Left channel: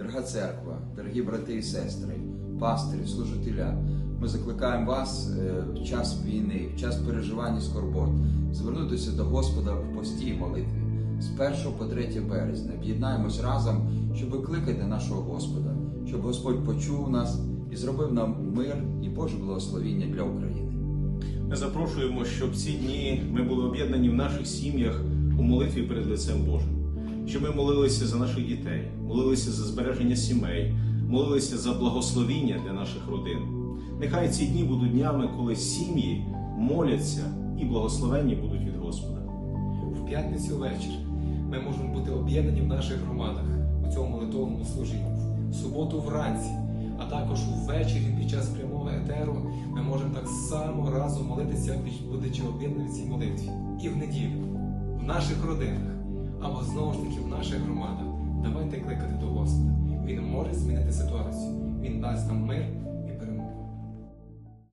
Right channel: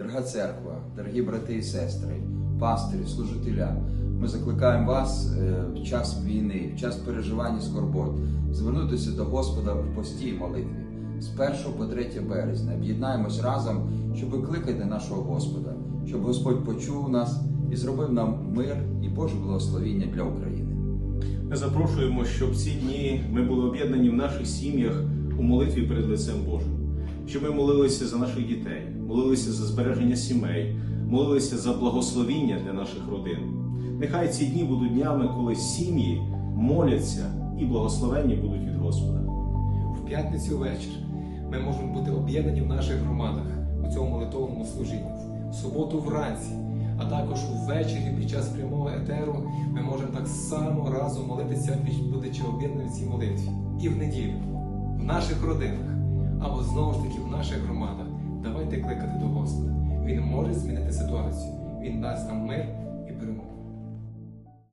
Дорога церква, дорогі брати і сестри, пастирі, служителя, ми закликаємо вас е, в час війни, в час переживання скорбот, звернутися до Господа в пості і молитві. З 1 по 3 березня об'єднаємось разом, щоб викликати нашого Господа, щоб Господь почув нас і зробив нам мир і Боже благословіння для України. Ми запрошуємо, щоб ці дні ми були об'єднані в наших сім'ях у молитві перед лицем Божим. Щоб ми молилися за наших дітей, молилися за збереження сімей, молилися за благословіння для наших родин. Нехай ці дні будуть днями, коли сім'ї моляться і благословенні будуть від Господа. В п'ятницю вечір ми можемо бути об'єднані в наших громадах у цьому молитовному служінні. В суботу вранці, а також увечері під час прямого етеру ми можемо так само разом молитися, будучи об'єднані в цій молитві. І в неділю, в наших родинах, або знову ж таки в наших громадах. Давайте кликати до Господа. Він може змінити ситуацію. Він дасть нам мир